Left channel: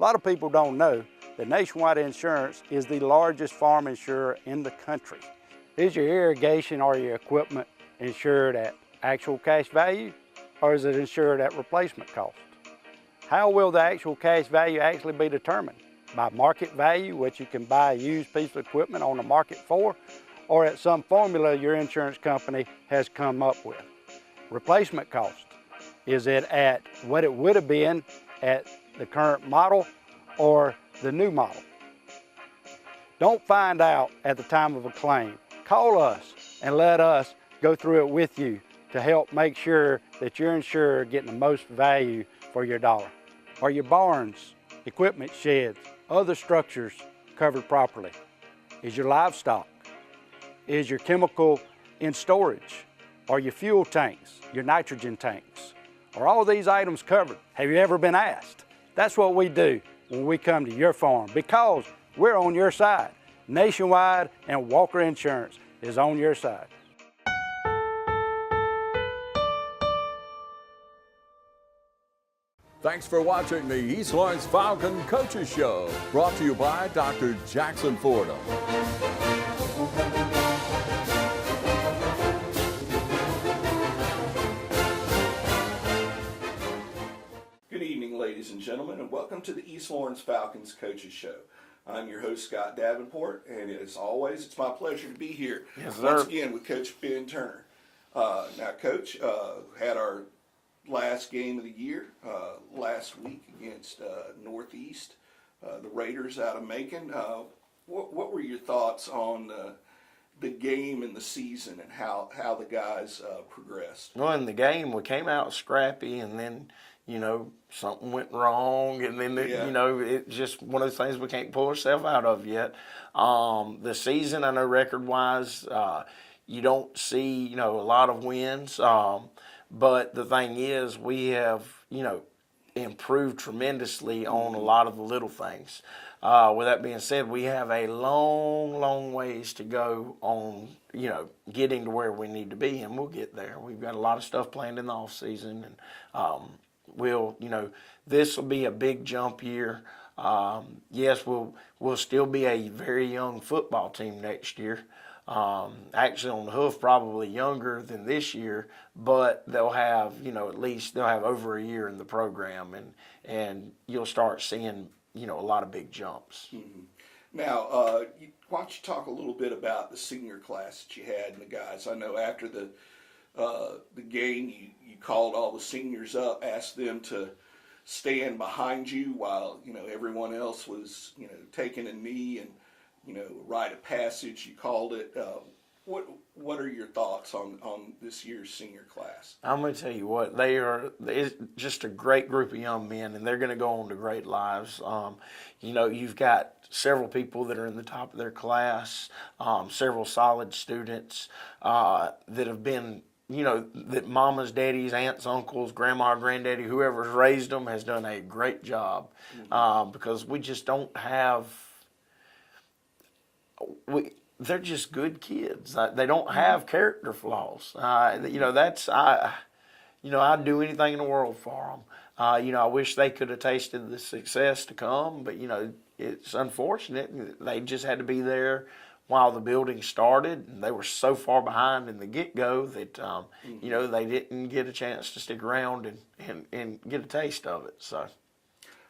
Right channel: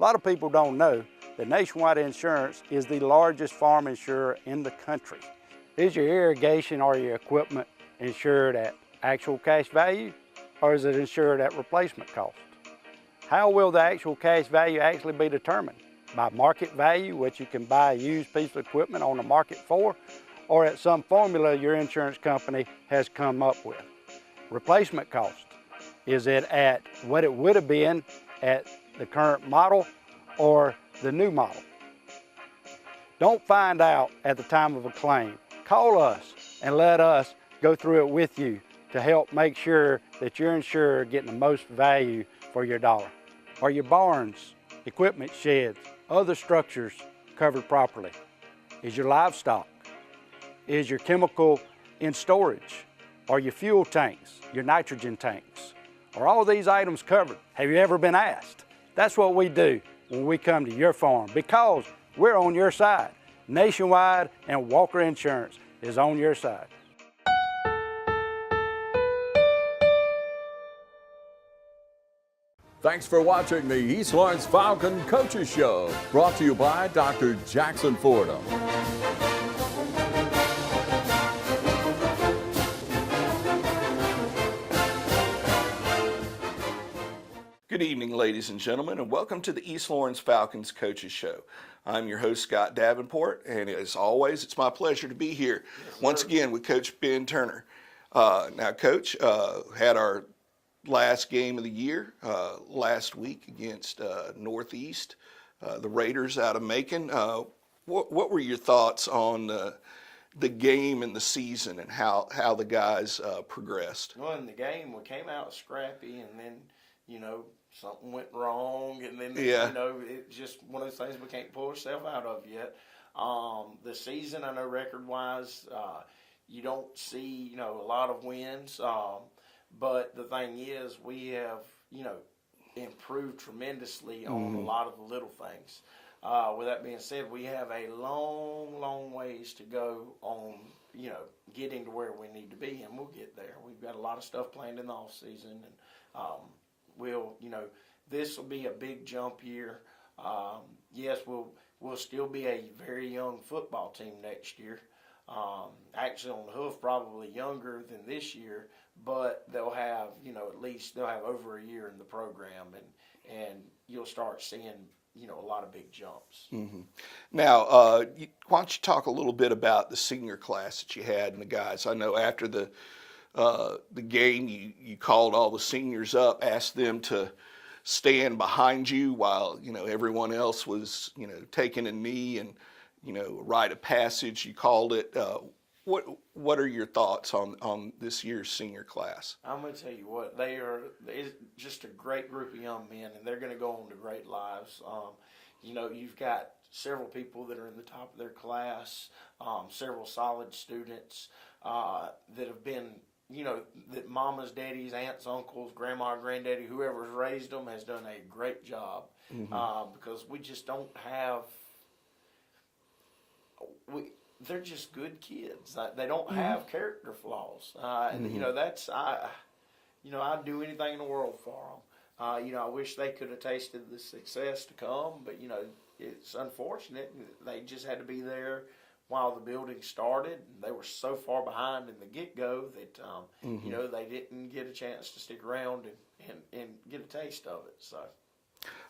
A lot of people don't know that Nationwide Insurance is the largest farm insurer in the country. Is your irrigation or your equipment insured at actual cash value, or is it insured at replacement cost? How will the actual cash value actually be determined? By market value, which you can buy a used piece of equipment on the market for, or at some formula your insurance company has come up with? Replacement cost, is it at what it would have been at the current model or the new model? Don't find out at the time of a claim. Call us and let us go through it with you to help make sure that you're insured getting the most value for your dollar. Are your barns, equipment sheds, other structures covered properly? Is your livestock? Is your chemical in storage? Are your fuel tanks, your nitrogen tanks? Are all these items covered? Have you ever been asked? That's what we do when we come to your farm, because we're on your side. Nationwide and Walker Insurance is on your side. Thanks for watching the East Lawrence Falcon Coaches Show, brought to you by Dr. Jackson Fordham. Good evening, ladies and gentlemen, and welcome to the East Lawrence Falcons Coaches Show. I'm your host, Scott Davenport, and as always, it's my pleasure to be here once again with Coach Ben Turner. Now, Coach, had our last game of the year last week against Northeast, the Raiders out of Macon. What were your thoughts on the game and the season and how the guys progressed? Well, in the game, we came out scrappy, and then, something went wrong, and then, it's just one of those things we can't pull ourselves out of yet. The season, I know record-wise, you don't see, a lot of wins. But the thing is, we have, improved tremendously on a lot of the little things. With that being said, we have a long, long ways to go on, getting to where we need to be, and we'll get there. We've got a lot of stuff planned in the off season, and this will be a big jump year. Yes, we'll still be a very young football team next year. Actually on the hoof, probably younger than this year, but they'll have, at least they'll have over a year in the program, and you'll start seeing, a lot of big jumps. Mm-hmm. Now, why don't you talk a little bit about the senior class that you had and the guys? I know after the game, you called all the seniors up, asked them to stand behind you while, everyone else was, taking a knee and, rite of passage, you called it. What are your thoughts on this year's senior class? I'm going to tell you what, it's just a great group of young men, and they're going to go on to great lives. You've got several people that are in the top of their class, several solid students that have been, that mamas, daddies, aunts, uncles, grandma, granddaddy, whoever's raised them has done a great job. Because we just don't have, they're just good kids. They don't have character flaws. I'd do anything in the world for them. I wish they could have tasted the success to come, but it's unfortunate. They just had to be there while the building started, and they were so far behind in the get-go that they didn't get a chance to stick around and get a taste of it. So,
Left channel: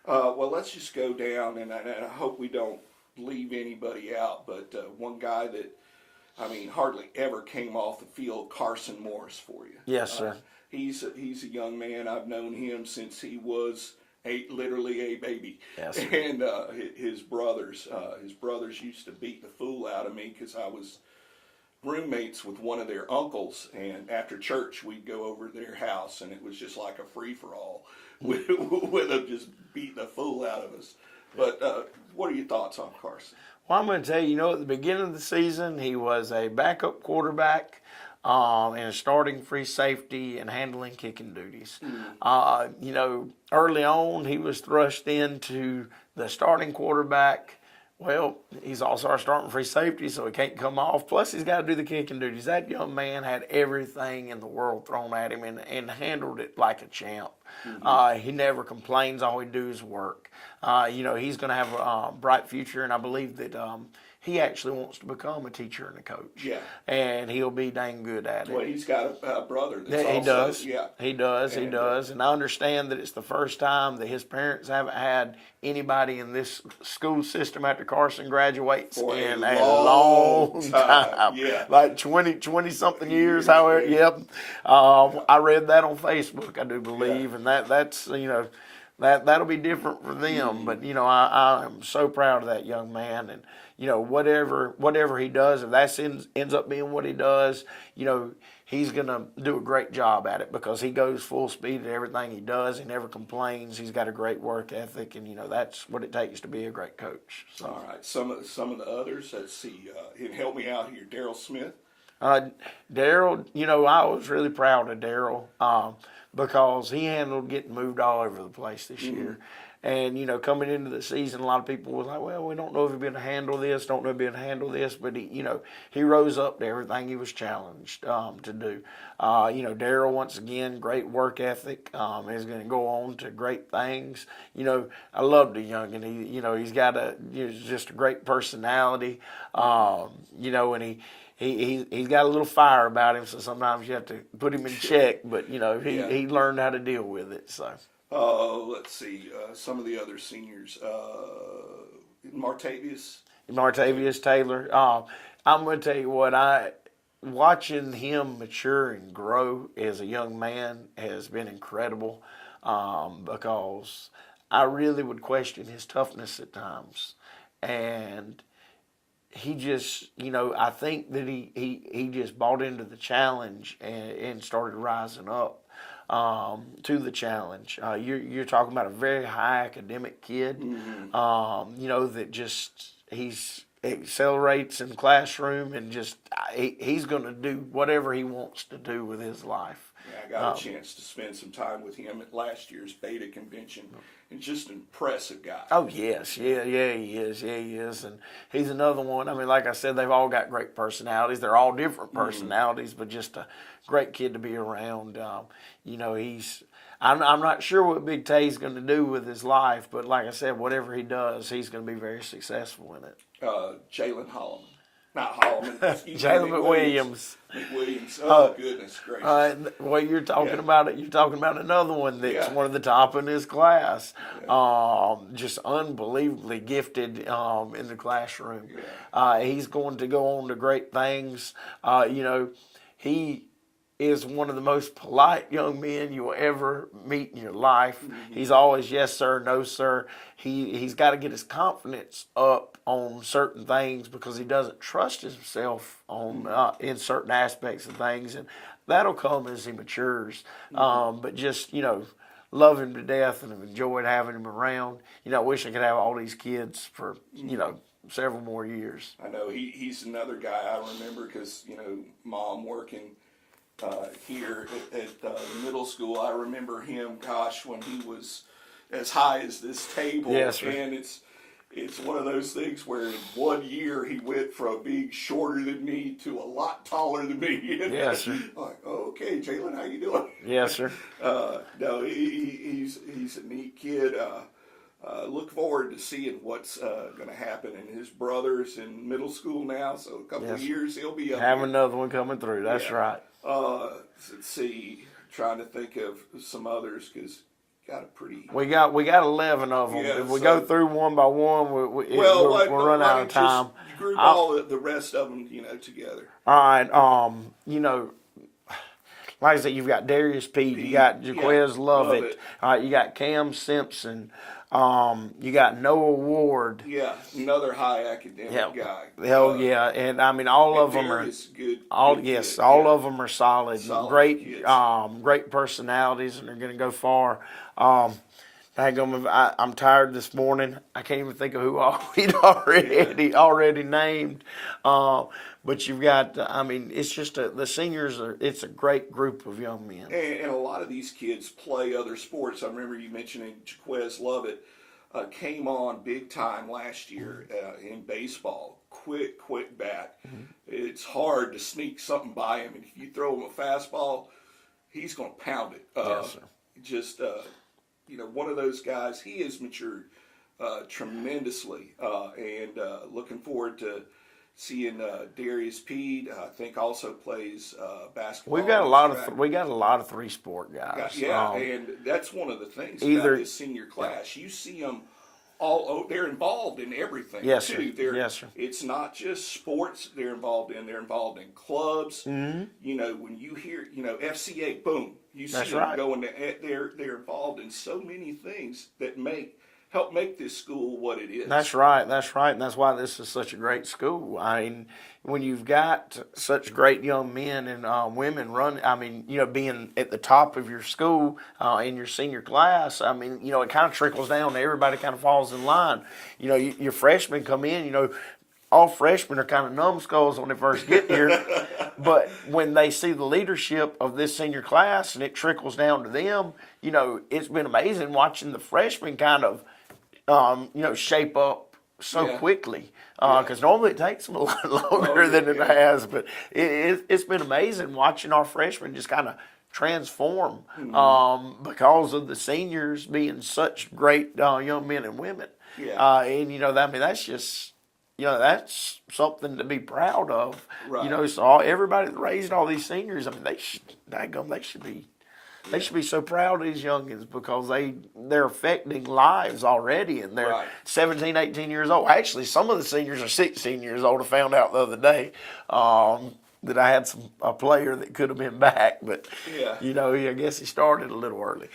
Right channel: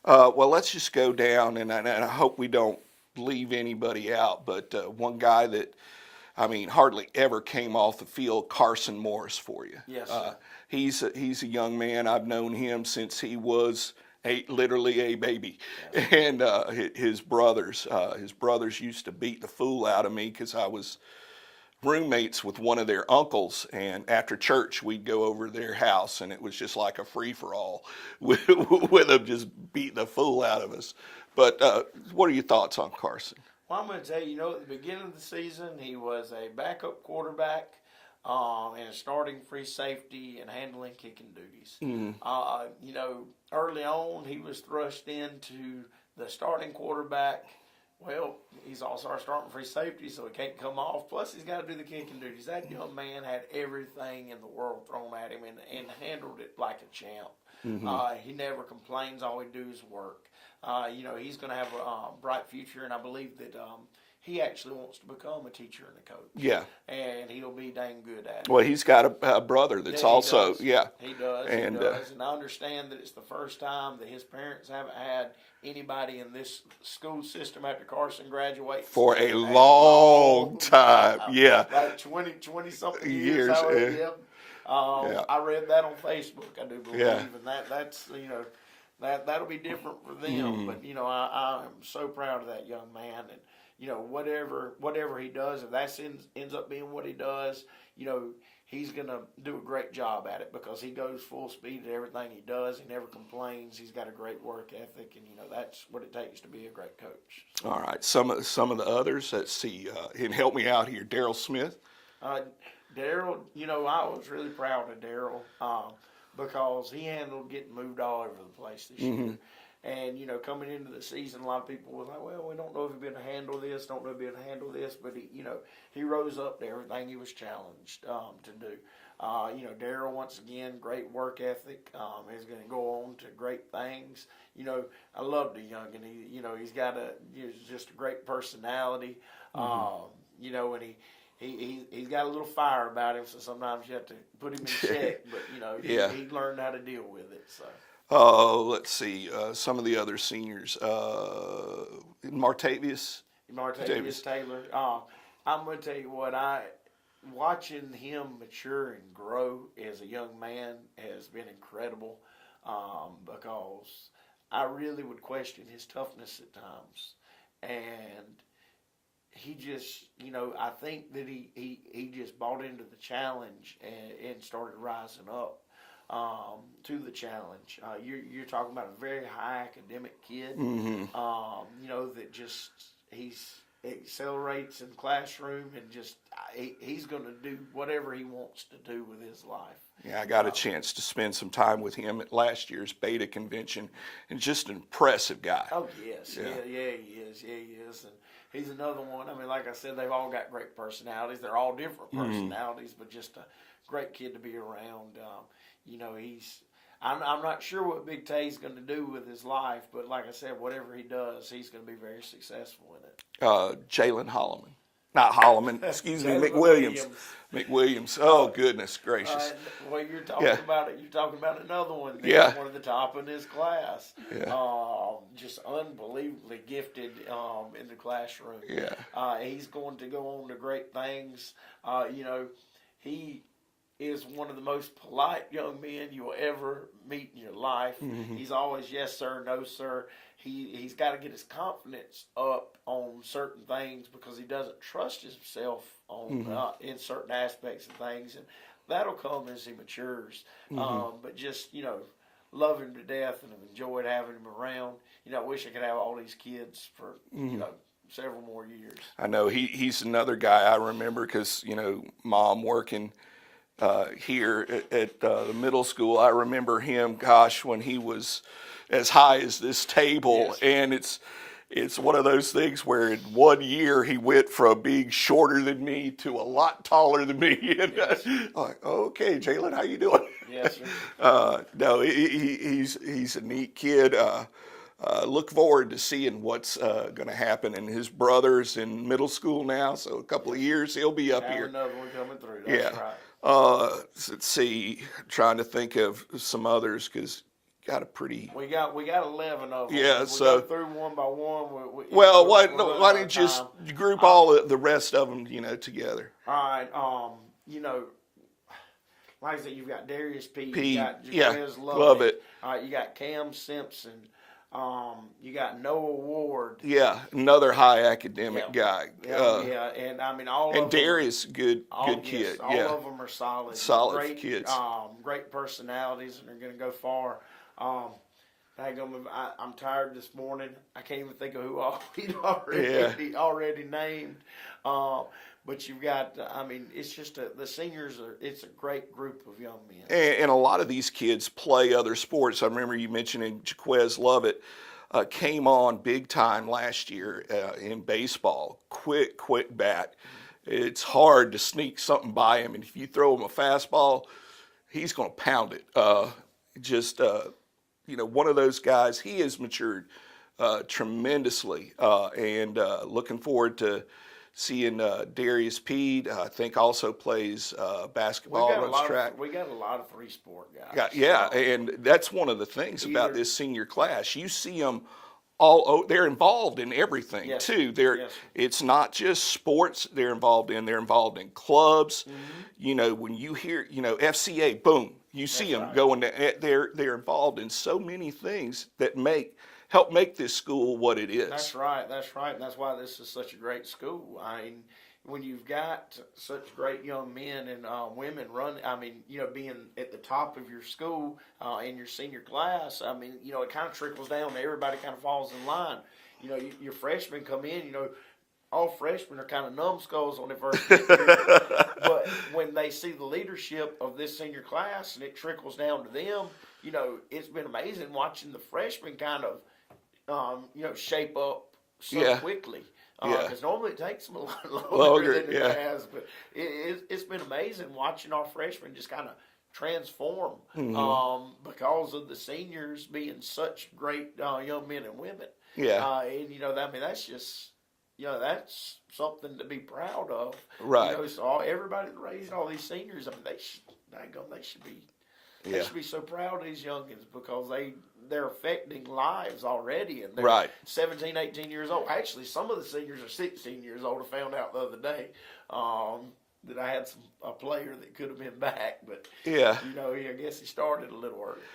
well, let's just go down, and I hope we don't leave anybody out, but one guy that, hardly ever came off the field, Carson Morris, for you. Yes, sir. He's a young man. I've known him since he was literally a baby. Yes. And his brothers used to beat the fool out of me because I was roommates with one of their uncles, and after church we'd go over to their house, and it was just like a free-for-all with them just beating the fool out of us. But what are your thoughts on Carson? Well, I'm going to tell you, at the beginning of the season, he was a backup quarterback and a starting free safety and handling kicking duties. Early on, he was thrust into the starting quarterback Well, he's also our starting free safety, so he can't come off. Plus, he's got to do the kicking duties. That young man had everything in the world thrown at him and handled it like a champ. He never complains. All he do is work. He's going to have a bright future, and I believe that he actually wants to become a teacher and a coach. Yeah. And he'll be dang good at it. Well, he's got a brother that's also, yeah. He does. And I understand that it's the first time that his parents haven't had anybody in this school system after Carson graduates. For a long time. Yeah. Like 20-something years. Yeah. I read that on Facebook, I do believe. And that's that'll be different for them. But, I am so proud of that young man. And, whatever he does, if that ends up being what he does, he's going to do a great job at it because he goes full speed in everything he does. He never complains. He's got a great work ethic, and, that's what it takes to be a great coach. So. All right. Some of the others, let's see, and help me out here, Daryl Smith. Daryl, I was really proud of Daryl because he handled getting moved all over the place this year. And, coming into the season, a lot of people were like, well, we don't know if he'll be able to handle this, But, he rose up to everything he was challenged to do. Daryl, once again, great work ethic. Is going to go on to great things. I love the youngin'. He's got just a great personality. And he's got a little fire about him, so sometimes you have to put him in check. But, he learned how to deal with it, so. Let's see, some of the other seniors. Martavius Taylor. I'm going to tell you what, watching him mature and grow as a young man has been incredible because I really would question his toughness at times. And he just, I think that he just bought into the challenge and started rising up. To the challenge. You're talking about a very high academic kid, that just he accelerates in the classroom and just he's going to do whatever he wants to do with his life. Yeah, I got a chance to spend some time with him at last year's Beta convention, and just an impressive guy. Oh, yes. Yeah, he is. Yeah, he is. And he's another one. I mean, like I said, they've all got great personalities. They're all different personalities, but just a great kid to be around. I'm not sure what Big Tay's going to do with his life, but like I said, whatever he does, he's going to be very successful in it. Jalen Holloman. Not Holloman, excuse me, McWilliams. McWilliams. Oh, goodness gracious. Well, you're talking about it. You're talking about another one that's one of the top in his class. Yeah. Just unbelievably gifted in the classroom. Yeah. He's going to go on to great things. He is one of the most polite young men you will ever meet in your life. He's always yes, sir, no, sir. He's got to get his confidence up on certain things because he doesn't trust himself on in certain aspects of things, and that'll come as he matures. But just love him to death and have enjoyed having him around. I wish I could have all these kids for several more years. I know he's another guy I remember because Mom working here at the middle school. I remember him, when he was as high as this table. Yes, and it's one of those things where in 1 year he went from being shorter than me to a lot taller than me. And yes, like, okay, Jalen, how you doing? Yes, sir. No, he's a neat kid. Look forward to seeing what's going to happen. And his brother's in middle school now, so a couple of years he'll be up here. Have another one coming through. That's right. Let's see. Trying to think of some others because got a pretty. We got 11 of them. Yeah, if we go through one by one. Why don't you just group all the rest of them, together? All right. Like I said, you've got Darius P. You got Jaquez Lovett. You got Cam Simpson. You got Noah Ward. Yeah, another high academic guy. Hell yeah, and I mean all of them. Darius, good yes, kid. All of them are solid. Great kids. Great personalities, and they're going to go far. I'm tired this morning. I can't even think of who he'd already named. But you've got, it's just the seniors it's a great group of young men. And a lot of these kids play other sports. I remember you mentioning Jaquez Lovett. came on big time last year in baseball. Quick bat. It's hard to sneak something by him, and if you throw him a fastball, he's going to pound it. Just one of those guys. He has matured tremendously, and looking forward to seeing Darius Pede. I think also plays basketball. We got a lot of three-sport guys. And that's one of the things about this senior class. You see them all. They're involved in everything too. It's not just sports. They're involved in clubs. When you hear FCA, boom, you see them going. They're involved in so many things that help make this school what it is. That's right, and that's why this is such a great school. I mean, when you've got such great young men and women being at the top of your school in your senior class, I mean, it kind of trickles down to everybody kind of falls in line. Your freshmen come in, all freshmen are kind of numbskulls when they first get here, but when they see the leadership of this senior class and it trickles down to them, it's been amazing watching the freshmen kind of shape up so quickly. Because normally it takes them a lot longer than it has. But it's been amazing watching our freshmen just kind of transform because of the seniors being such great young men and women. That's just, that's something to be proud of. Right. So everybody that raised all these seniors, I mean, they should be. They should be so proud of these youngins because they're affecting lives already, and they're 17, 18 years old. Actually, some of the seniors are 16 years old. I found out the other day that I had a player that could have been back, but I guess he started a little early.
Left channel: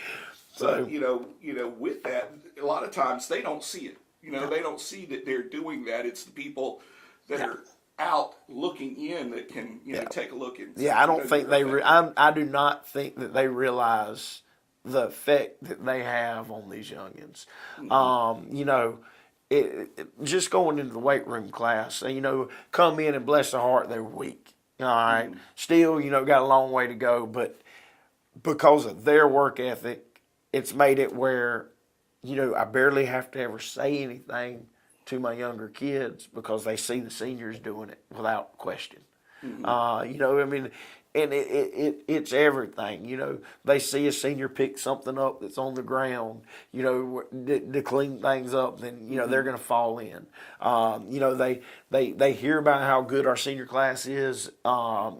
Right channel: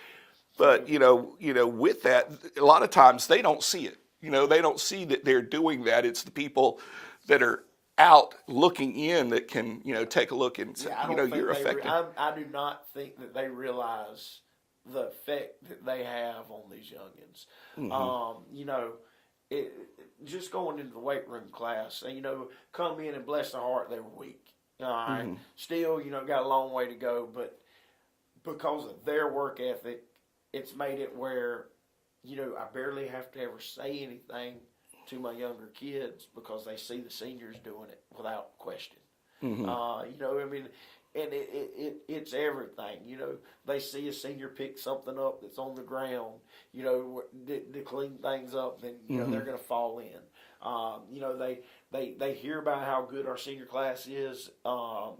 But with that, a lot of times they don't see it. They don't see that they're doing that. It's the people that are out looking in that can take a look and I don't think I do not think that they realize the effect that they have on these youngins. Just going into the weight room class, come in and bless their heart, they're weak. All right, still got a long way to go, but because of their work ethic, it's made it where I barely have to ever say anything to my younger kids because they see the seniors doing it without question. And it's everything. They see a senior pick something up that's on the ground, to clean things up, then they're going to fall in. They hear about how good our senior class is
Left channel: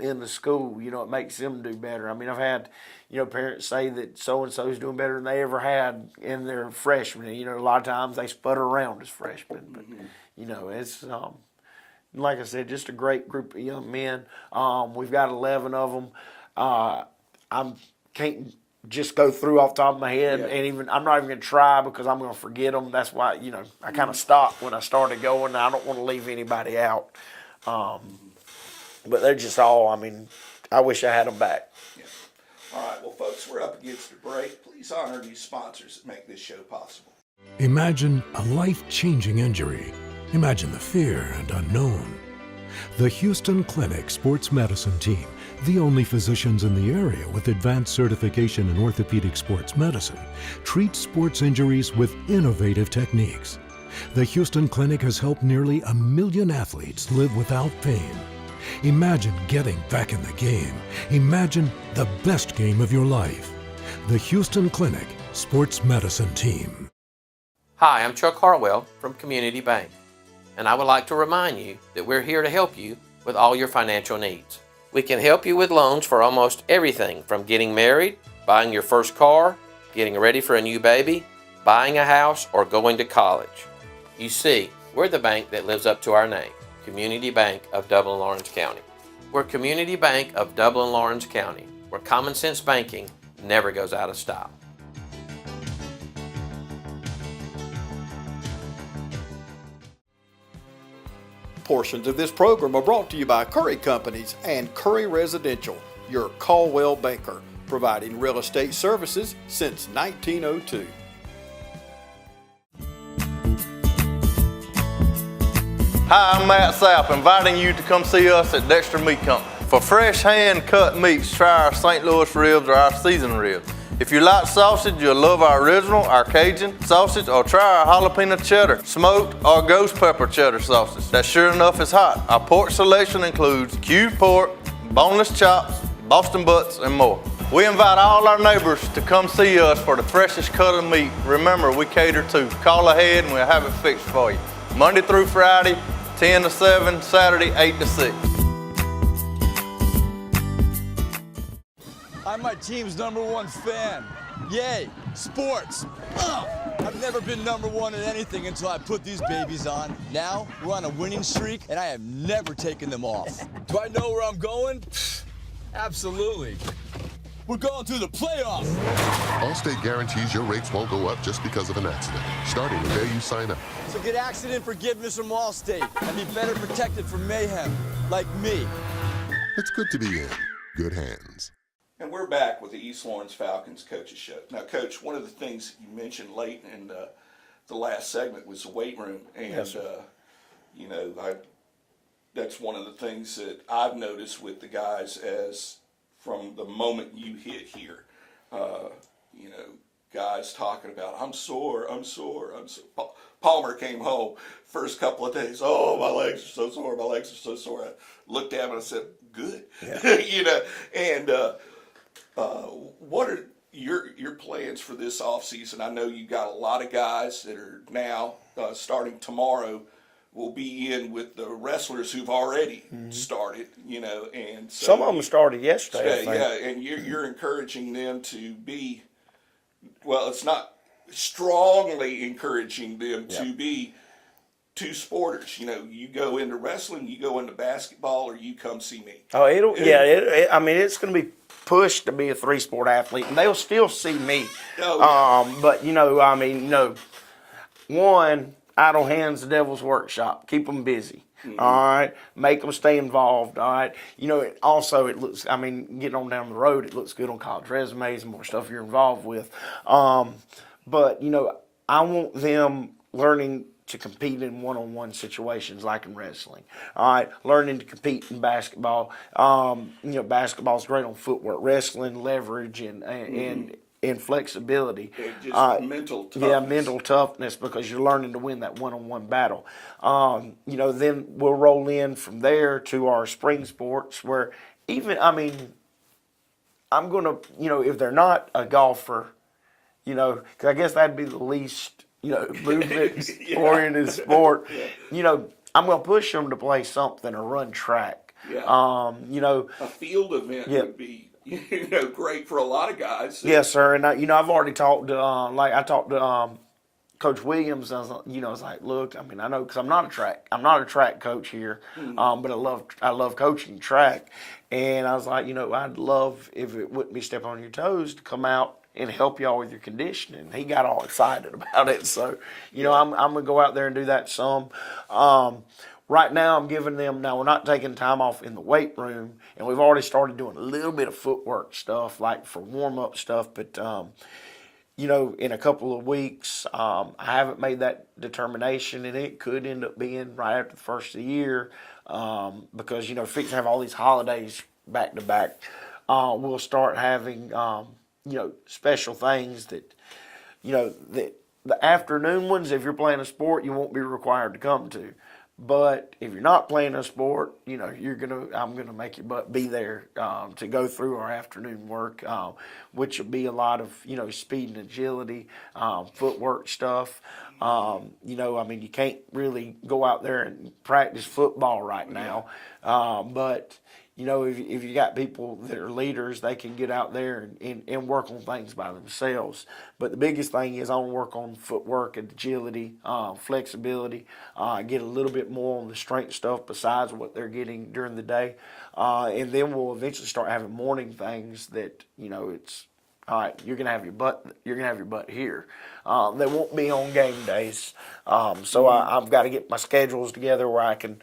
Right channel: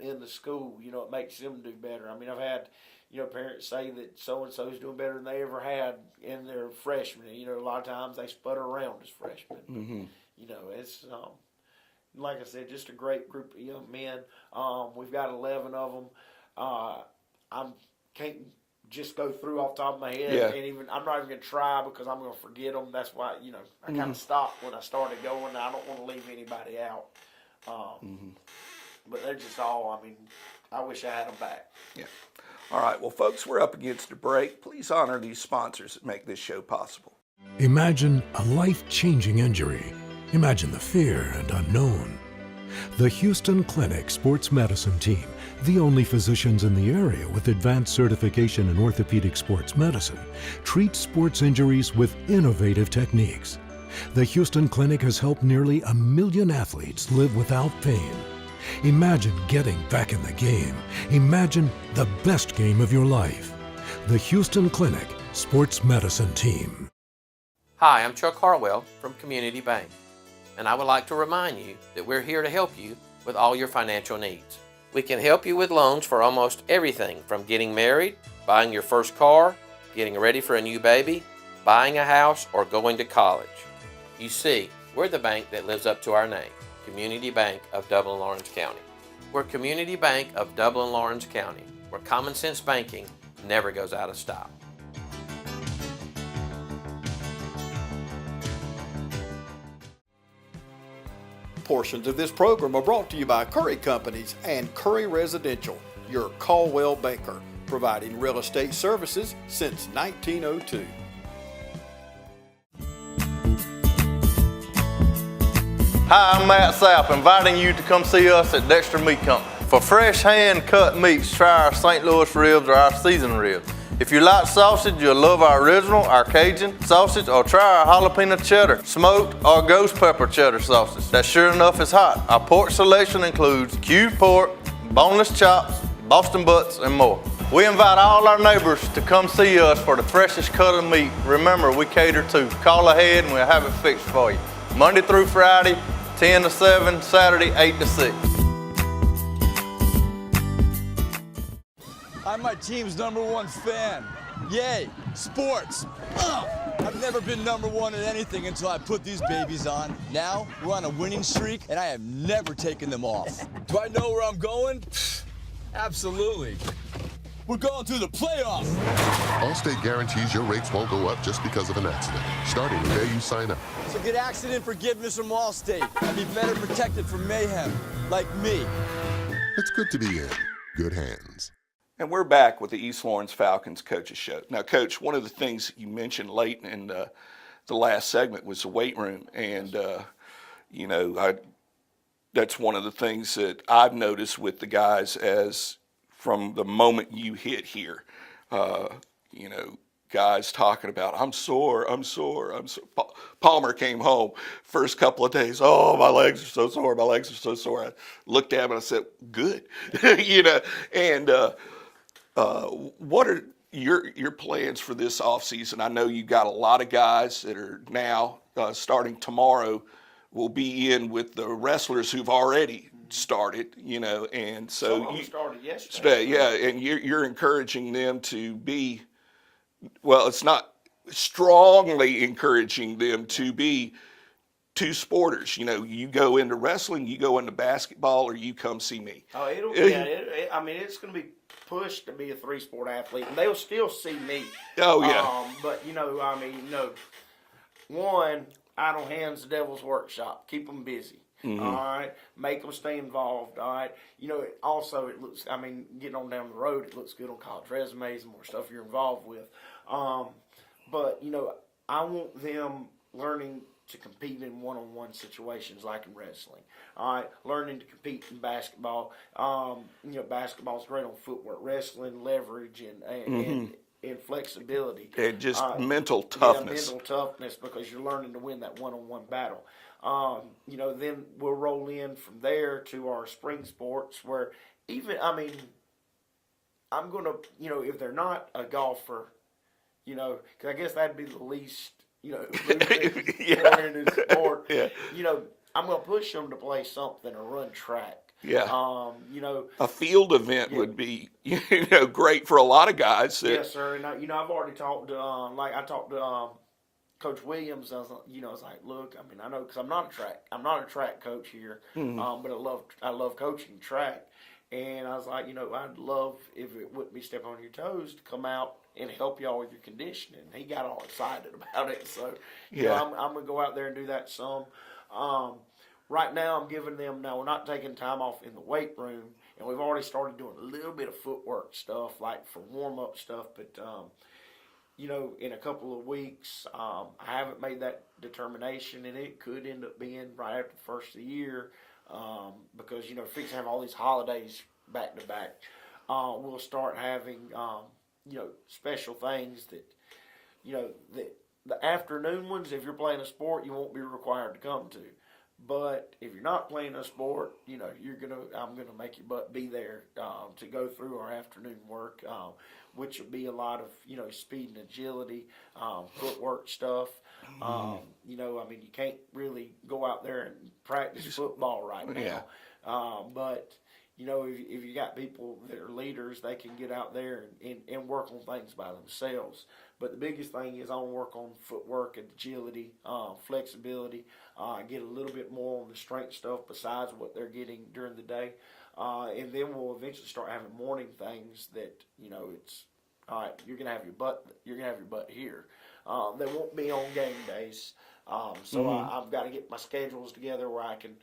in the school. It makes them do better. I mean, I've had parents say that so-and-so is doing better than they ever had in their freshmen. A lot of times they sputter around as freshmen. But, it's, like I said, just a great group of young men. We've got 11 of them. I can't just go through off the top of my head, and I'm not even going to try because I'm going to forget them. That's why, I kind of stopped when I started going. I don't want to leave anybody out. But they're just all, I wish I had them back. Yeah. All right, well, folks, we're up against a break. Please honor these sponsors that make this show possible. Imagine a life-changing injury. Imagine the fear and unknown. The Houston Clinic Sports Medicine Team, the only physicians in the area with advanced certification in orthopedic sports medicine, treats sports injuries with innovative techniques. The Houston Clinic has helped nearly 1 million athletes live without pain. Imagine getting back in the game. Imagine the best game of your life. The Houston Clinic Sports Medicine Team. Hi, I'm Chuck Hartwell from Community Bank, and I would like to remind you that we're here to help you with all your financial needs. We can help you with loans for almost everything from getting married, buying your first car, getting ready for a new baby, buying a house, or going to college. You see, we're the bank that lives up to our name. Community Bank of Dublin-Lawrence County. We're Community Bank of Dublin-Lawrence County, where common sense banking never goes out of style. Portions of this program are brought to you by Curry Companies and Curry Residential, your Caldwell banker, providing real estate services since 1902. Hi, I'm Matt Sapp, inviting you to come see us at Dexter Meat Company. For fresh hand-cut meats, try our St. Louis ribs or our seasoned ribs. If you like sausage, you'll love our original, our Cajun sausage, or try our jalapeno cheddar, smoked or ghost pepper cheddar sausage. That sure enough is hot. Our pork selection includes cubed pork, boneless chops, Boston butts, and more. We invite all our neighbors to come see us for the freshest cut of meat. Remember, we cater to. Call ahead and we'll have it fixed for you. Monday through Friday, 10 to 7, Saturday, 8 to 6. I'm my team's #1 fan. Yay, sports. I've never been #1 at anything until I put these babies on. Now, we're on a winning streak, and I have never taken them off. Do I know where I'm going? Absolutely. We're going to the playoffs. Allstate guarantees your rates won't go up just because of an accident, starting the day you sign up. So get accident forgiveness from Allstate and be better protected from mayhem, like me. It's good to be in good hands. And we're back with the East Lawrence Falcons Coaches Show. Now, Coach, one of the things you mentioned late in the last segment was the weight room. And, you know, that's one of the things that I've noticed with the guys as from the moment you hit here. You know, guys talking about, I'm sore. Palmer came home first couple of days. Oh, my legs are so sore. I looked at him and I said, good. Yeah. You know, and what are your plans for this offseason? I know you got a lot of guys that are now starting tomorrow will be in with the wrestlers who've already started, you know, and so some of them started yesterday. Yeah, and you're encouraging them to be, well, it's not strongly encouraging them to be two sporters. You know, you go into wrestling, you go into basketball, or you come see me. Oh, I mean, it's going to be pushed to be a 3-sport athlete, and they'll still see me. Oh, yeah. But, you know, I mean, you know, one, idle hands, the devil's workshop. Keep them busy. Mm-hmm. All right, make them stay involved. All right, you know. It looks. I mean, getting on down the road, it looks good on college resumes and more stuff you're involved with. But you know, I want them learning to compete in one-on-one situations like in wrestling. All right, learning to compete in basketball. You know, basketball's great on footwork. Wrestling, leverage, and flexibility. And just mental toughness. Yeah, mental toughness, because you're learning to win that one-on-one battle. You know, then we'll roll in from there to our spring sports where even, I mean, I'm going to, you know, if they're not a golfer, you know, because I guess that'd be the least, you know, movement-oriented sport. Yeah. You know, I'm going to push them to play something or run track. Yeah. You know, a field event would be, you know, great for a lot of guys. Yes, sir. And you know, I've already talked to, I talked to Coach Williams. I was, you know, I was like, look, I mean, I know, because I'm not a track coach here, but I love coaching track. And I was like, you know, I'd love, if it wouldn't be stepping on your toes, to come out and help y'all with your conditioning. He got all excited about it. So, you know, I'm going to go out there and do that some. Right now, I'm giving them, now we're not taking time off in the weight room, and we've already started doing a little bit of footwork stuff, like for warm-up stuff, but, you know, in a couple of weeks, I haven't made that determination, and it could end up being right after the first of the year, because, you know, if we have all these holidays back-to-back, we'll start having, you know, special things that, you know, that the afternoon ones, if you're playing a sport, you won't be required to come to. But if you're not playing a sport, you know, I'm gonna make you be there to go through our afternoon work, which will be a lot of, you know, speed and agility, footwork stuff. You know, I mean, you can't really go out there and practice football right now, but you know, if you got people that are leaders, they can get out there and work on things by themselves. But the biggest thing is I want to work on footwork and agility, flexibility, get a little bit more on the strength stuff besides what they're getting during the day. And then we'll eventually start having morning things that, you know, it's, all right, you're gonna have your butt here. They won't be on game days. So I've got to get my schedules together where I can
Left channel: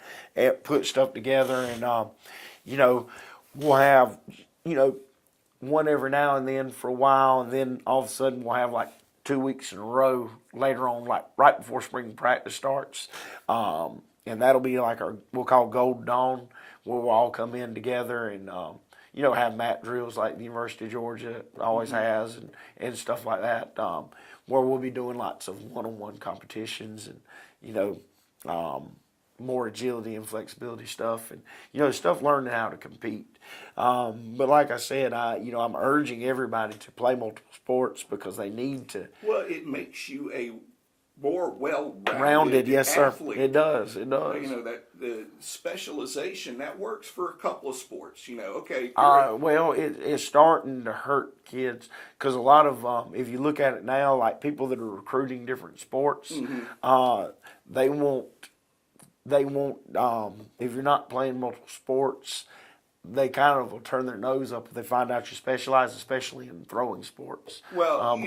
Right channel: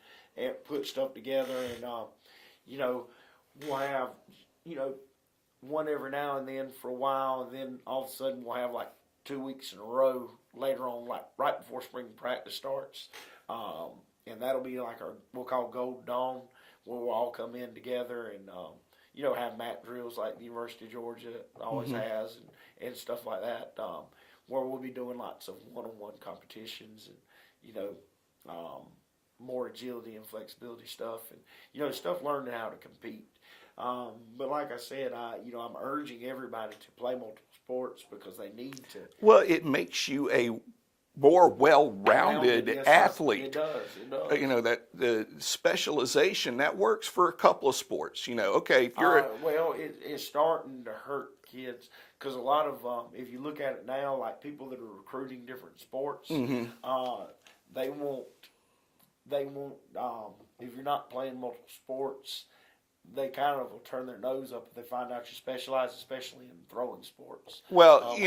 put stuff together, and you know, we'll have, you know, one every now and then for a while, and then all of a sudden we'll have like 2 weeks in a row later on, like right before spring practice starts. And that'll be like we'll call Gold Dawn, where we'll all come in together and, have mat drills like the University of Georgia always has, and stuff like that, where we'll be doing lots of one-on-one competitions and, more agility and flexibility stuff, and, stuff learning how to compete. But like I said, I'm urging everybody to play multiple sports because they need to. Well, it makes you a more well-rounded yes, athlete. Sir. It does. That the specialization that works for a couple of sports. Okay. If you're well, it's starting to hurt kids because a lot of if you look at it now, like people that are recruiting different sports, they won't. If you're not playing multiple sports, they kind of will turn their nose up if they find out you specialize, especially in throwing sports. Well,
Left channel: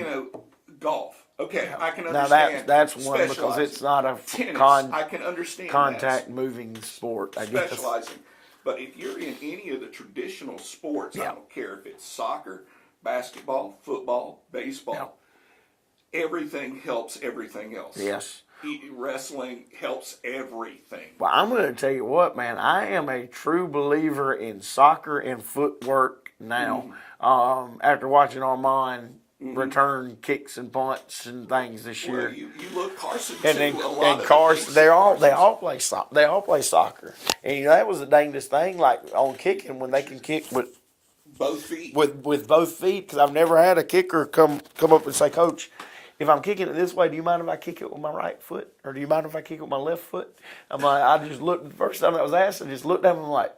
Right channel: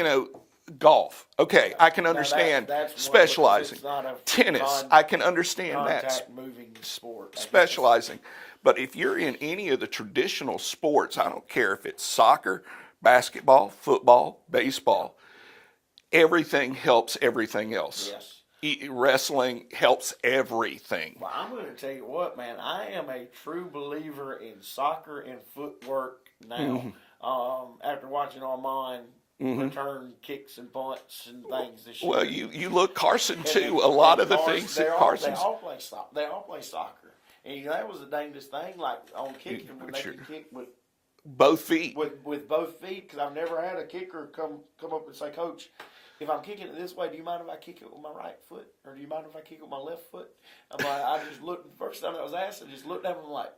golf. Okay, I can understand that's specializing. It's not a tennis. I can understand contact moving sport. Specializing. But if you're in any of the traditional sports, I don't care if it's soccer, basketball, football, baseball, everything helps everything else. Yes. Wrestling helps everything. Well, I'm going to tell you what, man. I am a true believer in soccer and footwork now. After watching Armand return kicks and punts and things this year. Well, you look Carson too. A lot of Carson, the things they all play soccer, and that was the dangest thing. Like on kicking, when they can kick with both feet, with both feet. Because I've never had a kicker come up and say, "Coach, if I'm kicking it this way, do you mind if I kick it with my right foot, or do you mind if I kick it with my left foot?" I'm like, I just looked. The first time that was asked, I just looked at him and I'm like,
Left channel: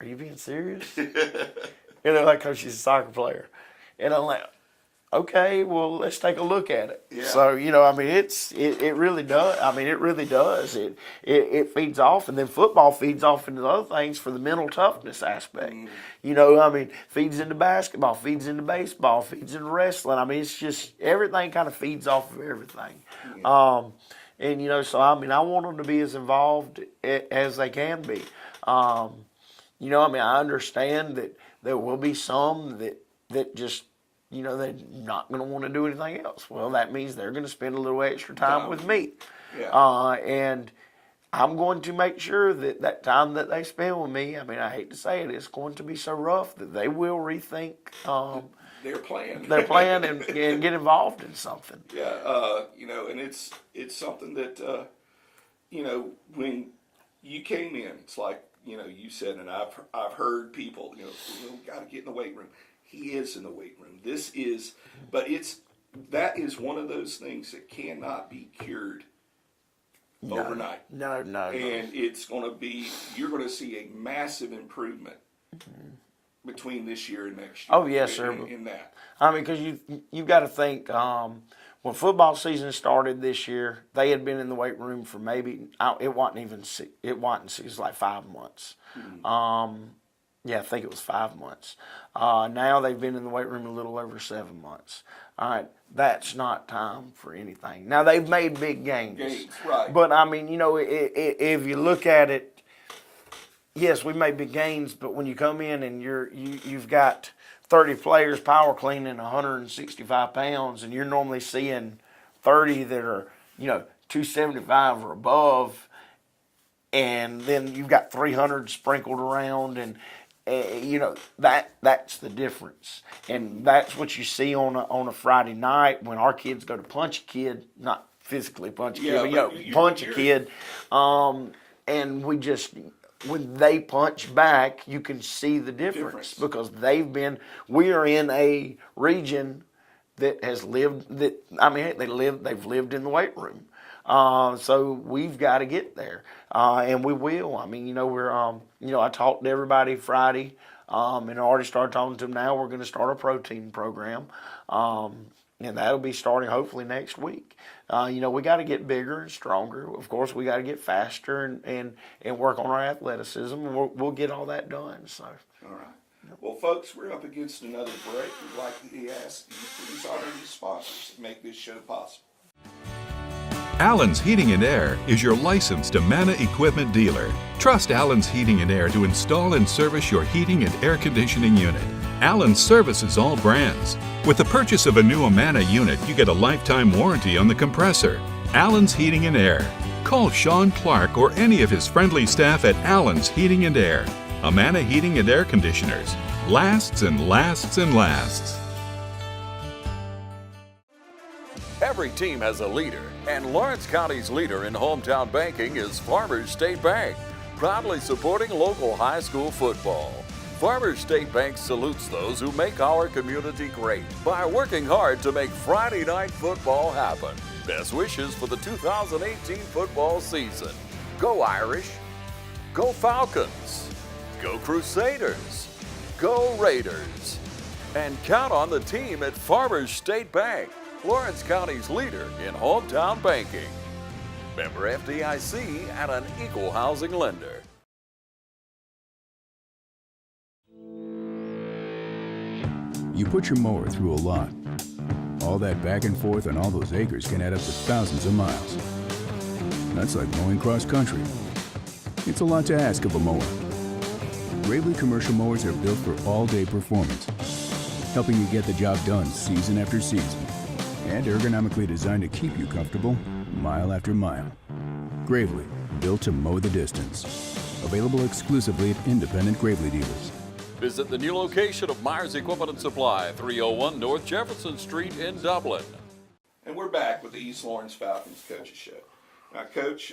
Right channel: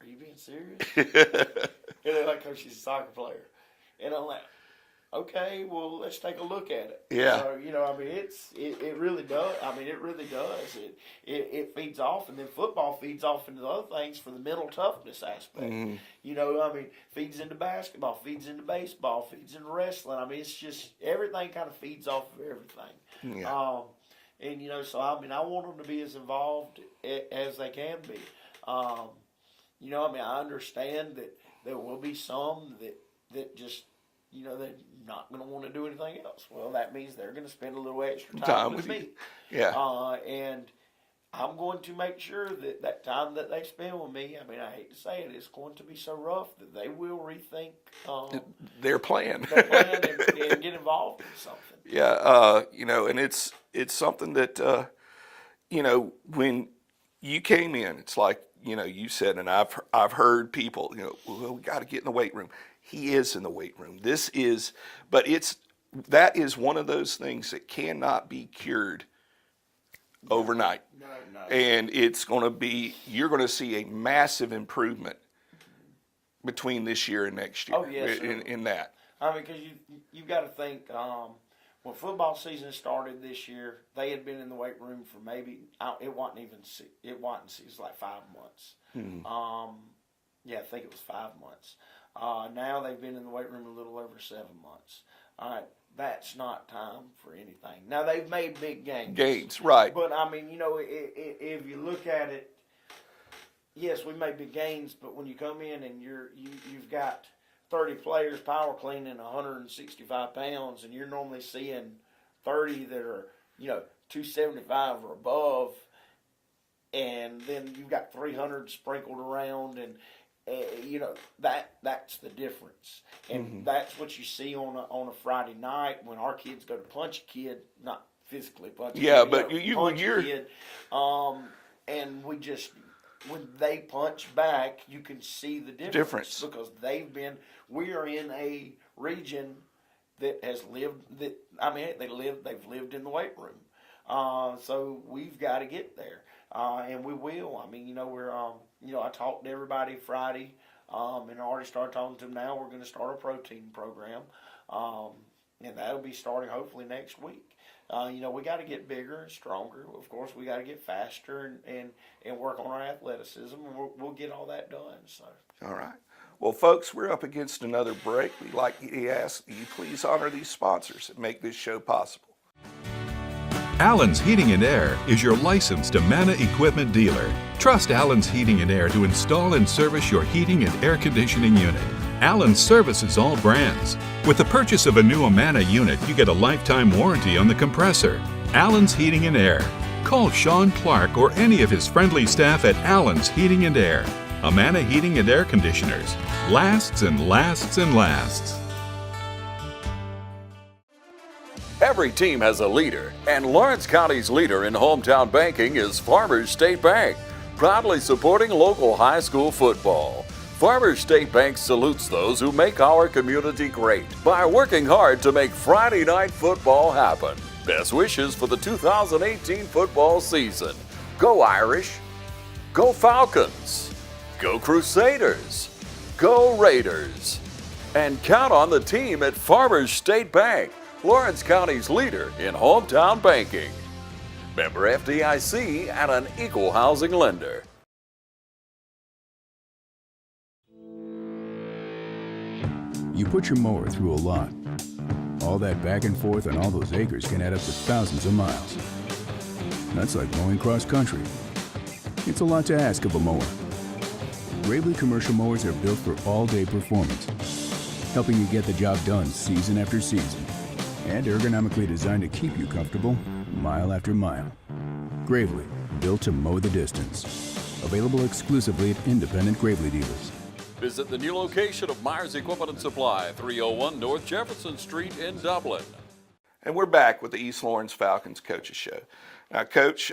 "Are you being serious?" Like, Coach, she's a soccer player, and I'm like, "Okay, well, let's take a look at it." Yeah. So it really does. It really does. It feeds off, and then football feeds off into the other things for the mental toughness aspect. Feeds into basketball, feeds into baseball, feeds into wrestling. It's just everything kind of feeds off of everything. Yeah. I want them to be as involved as they can be. I understand that there will be some that just. They're not going to want to do anything else. Well, that means they're going to spend a little extra time with me. Yeah. And I'm going to make sure that time that they spend with me, I hate to say it, it's going to be so rough that they will rethink their plan. and get involved in something. Yeah. And it's something that, when you came in, it's like, you said, and I've heard people, we got to get in the weight room. He is in the weight room. That is one of those things that cannot be cured overnight. No. And you're going to see a massive improvement between this year and next year. Oh, yes, sir. In that. Because you've got to think, when football season started this year, they had been in the weight room for it was like 5 months. I think it was 5 months. Now they've been in the weight room a little over 7 months. All right, that's not time for anything. Now they've made big gains. Right. But if you look at it, yes, we made big gains. But when you come in and you've got 30 players power cleaning 165 pounds, and you're normally seeing 30 that are 275 or above, and then you've got 300 sprinkled around, and that's the difference, and that's what you see on a Friday night when our kids go to punch a kid, not physically punch a kid, but punch a kid, and when they punch back, you can see the difference. Because they've we are in a region that has lived they've lived in the weight room. So we've got to get there, and we will. I talked to everybody Friday, and I already started talking to them now. We're going to start a protein program, and that'll be starting hopefully next week. We got to get bigger and stronger. Of course, we got to get faster and work on our athleticism, and we'll get all that done. So. All right. Well, folks, we're up against another break. We'd like to ask you please honor these sponsors that make this show possible. Allen's Heating and Air is your licensed Amana equipment dealer. Trust Allen's Heating and Air to install and service your heating and air conditioning unit. Allen services all brands. With the purchase of a new Amana unit, you get a lifetime warranty on the compressor. Allen's Heating and Air. Call Sean Clark or any of his friendly staff at Allen's Heating and Air. Amana Heating and Air Conditioners. Lasts and lasts and lasts. Every team has a leader, and Lawrence County's leader in hometown banking is Farmers State Bank, proudly supporting local high school football. Farmers State Bank salutes those who make our community great by working hard to make Friday night football happen. Best wishes for the 2018 football season. Go Irish, go Falcons, go Crusaders, go Raiders, and count on the team at Farmers State Bank, Lawrence County's leader in hometown banking. Member FDIC and an equal housing lender. You put your mower through a lot. All that back and forth on all those acres can add up to thousands of miles. That's like mowing cross country. It's a lot to ask of a mower. Gravely commercial mowers are built for all-day performance, helping you get the job done season after season, and ergonomically designed to keep you comfortable mile after mile. Gravely, built to mow the distance. Available exclusively at independent Gravely dealers. Visit the new location of Myers Equipment and Supply, 301 North Jefferson Street in Dublin. And we're back with the East Lawrence Falcons Coaches Show. Now, Coach,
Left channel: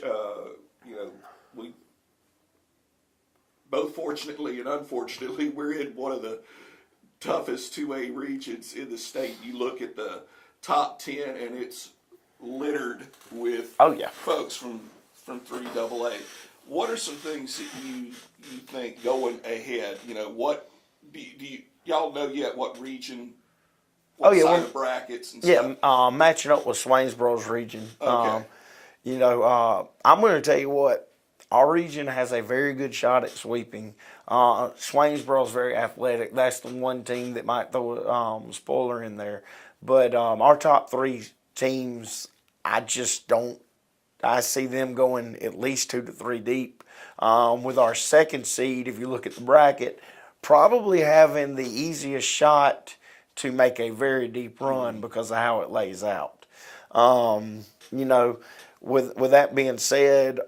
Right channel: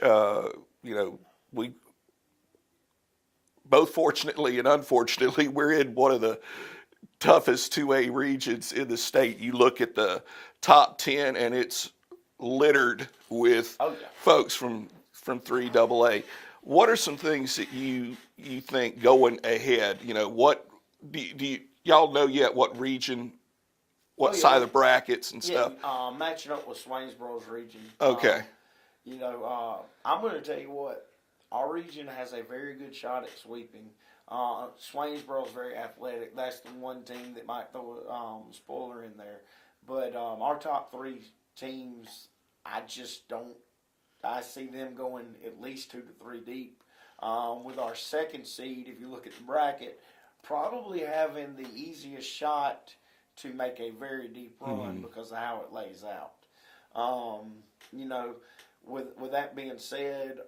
we both fortunately and unfortunately, we're in one of the toughest 2A regions in the state. You look at the top 10 and it's littered with folks from 3AA. What are some things that you think going ahead? What do y'all know yet? What region? What side of the brackets and stuff? Yeah, matching up with Swainsboro's region. Okay. I'm going to tell you what. Our region has a very good shot at sweeping. Swainsboro's very athletic. That's the one team that might throw a spoiler in there. But our top three teams, I see them going at least 2 to 3 deep. With our second seed, if you look at the bracket, probably having the easiest shot to make a very deep run because of how it lays out. With that being said,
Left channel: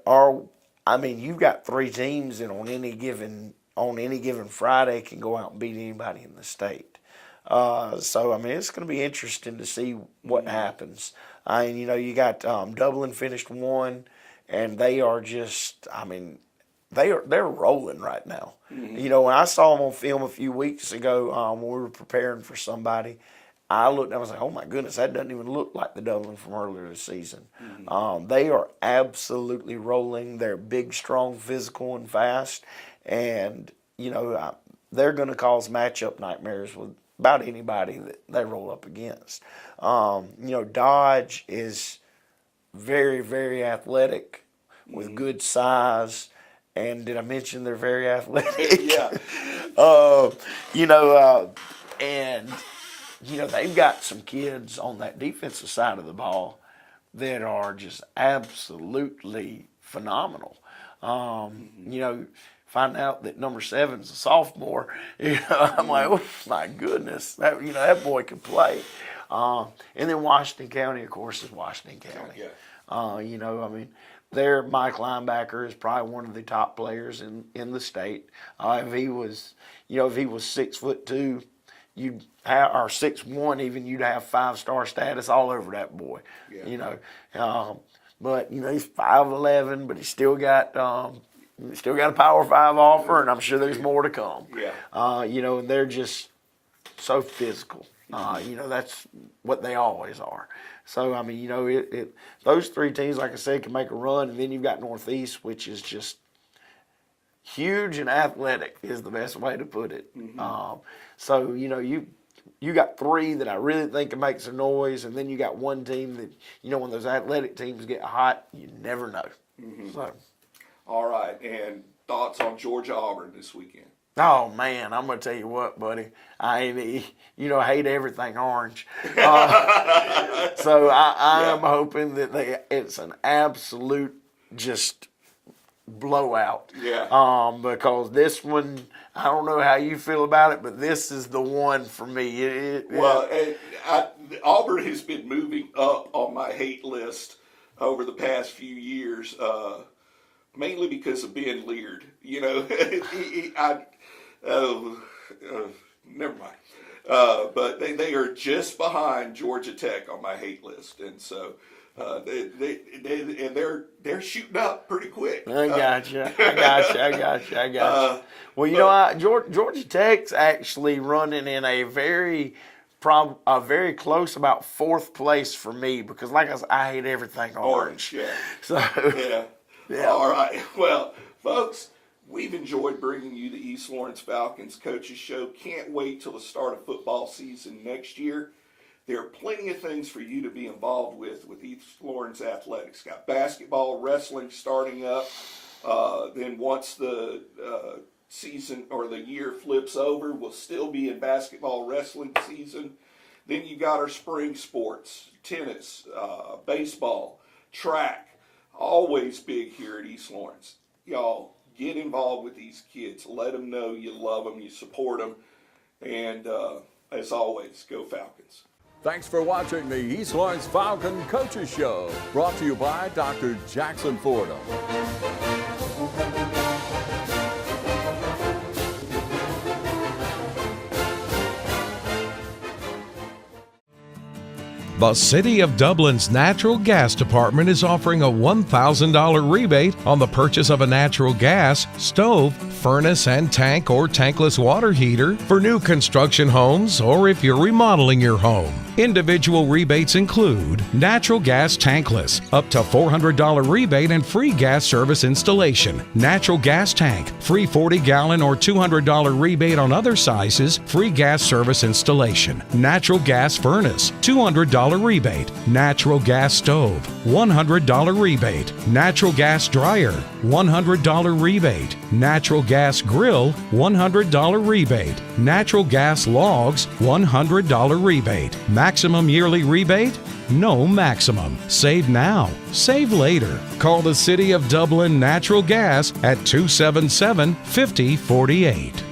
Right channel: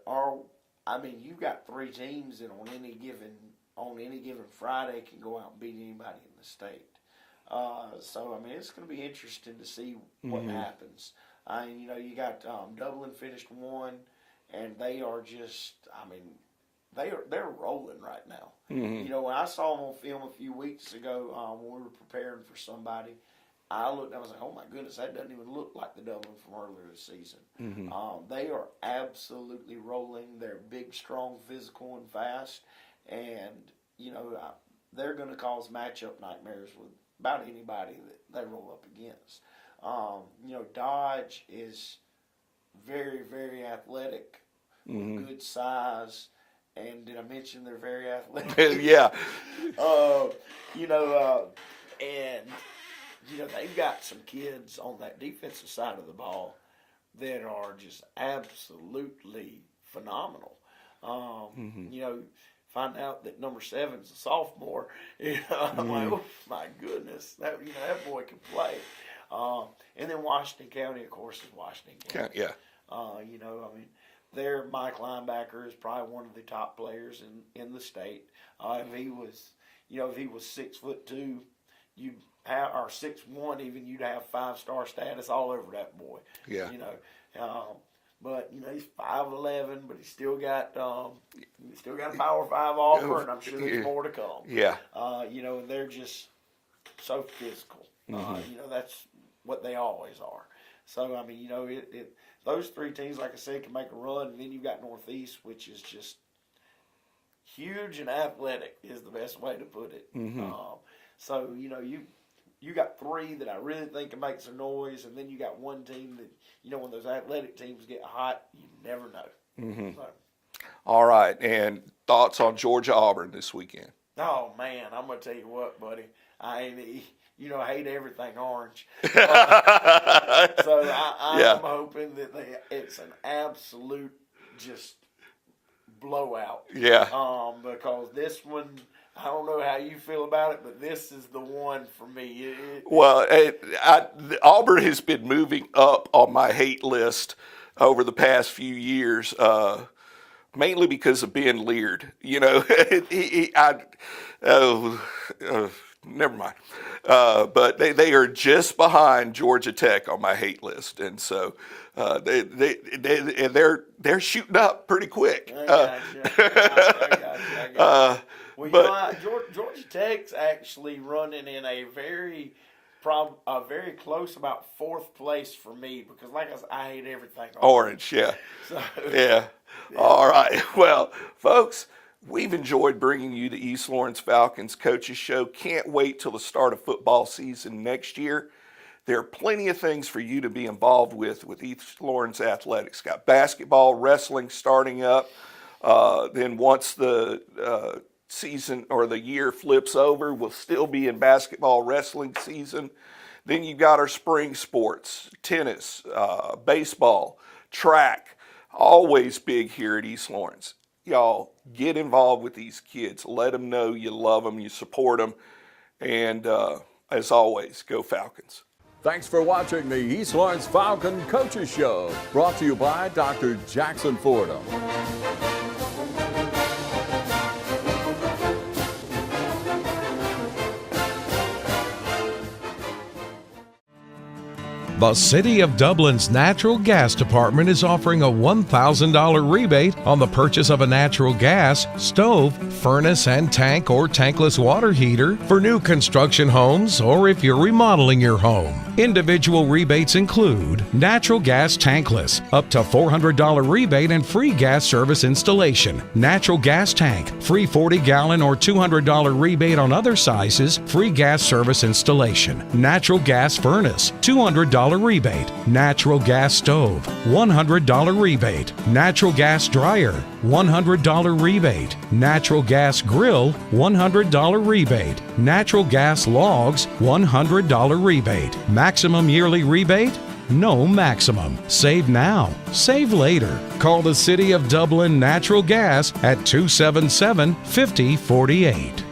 you've got 3 teams that on any given Friday can go out and beat anybody in the state. It's going to be interesting to see what happens. You got Dublin finished 1, and they are just, they're rolling right now. When I saw them on film a few weeks ago when we were preparing for somebody, I looked and I was like, oh my goodness, that doesn't even look like the Dublin from earlier this season. They are absolutely rolling. They're big, strong, physical, and fast. And, they're going to cause matchup nightmares with about anybody that they roll up against. Dodge is very, very athletic with good size. And did I mention they're very athletic? Yeah. They've got some kids on that defensive side of the ball that are just absolutely phenomenal. Find out that number 7's a sophomore. I'm like, oh my goodness, that boy can play. And then Washington County, of course, is Washington County. Yeah. Their Mike linebacker is probably one of the top players in the state. If he was 6'2", or 6'1", even you'd have 5-star status all over that boy. Yeah. But he's 5'11", but he's still got a Power 5 offer, and I'm sure there's more to come. Yeah. And they're just so physical. That's what they always are. So, those 3 teams, like I said, can make a run. And then you've got Northeast, which is just huge and athletic is the best way to put it. So, you got 3 that I really think can make some noise. And then you got 1 team that, when those athletic teams get hot, you never know. So. All right. And thoughts on Georgia-Auburn this weekend? Oh, man, I'm going to tell you what, buddy. I hate everything orange. So I am hoping that it's an absolute just blowout. Yeah. Because this one, I don't know how you feel about it, but this is the one for me. Auburn has been moving up on my hate list over the past few years. mainly because of Ben Leard. You know, never mind. But they are just behind Georgia Tech on my hate list, and so they're shooting up pretty quick. I got you. Well, you know, Georgia Tech's actually running in a very close, about 4th place for me, because like I said, I hate everything orange. Yeah. So yeah. All right. Well, folks, we've enjoyed bringing you the East Lawrence Falcons Coaches Show. Can't wait till the start of football season next year. There are plenty of things for you to be involved with East Lawrence Athletics. Got basketball, wrestling starting up. Then once the season or the year flips over, we'll still be in basketball, wrestling season. Then you've got our spring sports, tennis, baseball, track, always big here at East Lawrence. Y'all, get involved with these kids. Let them know you love them, you support them, and as always, go Falcons. Thanks for watching the East Lawrence Falcon Coaches Show, brought to you by Dr. Jackson Fordham. The City of Dublin's Natural Gas Department is offering a $1,000 rebate on the purchase of a natural gas, stove, furnace and tank or tankless water heater for new construction homes or if you're remodeling your home. Individual rebates include natural gas tankless, up to $400 rebate and free gas service installation. Natural gas tank, free 40-gallon or $200 rebate on other sizes, free gas service installation. Natural gas furnace, $200 rebate. Natural gas stove, $100 rebate. Natural gas dryer, $100 rebate. Natural gas grill, $100 rebate. Natural gas logs, $100 rebate. Maximum yearly rebate? No maximum. Save now. Save later. Call the City of Dublin Natural Gas at 277-5048.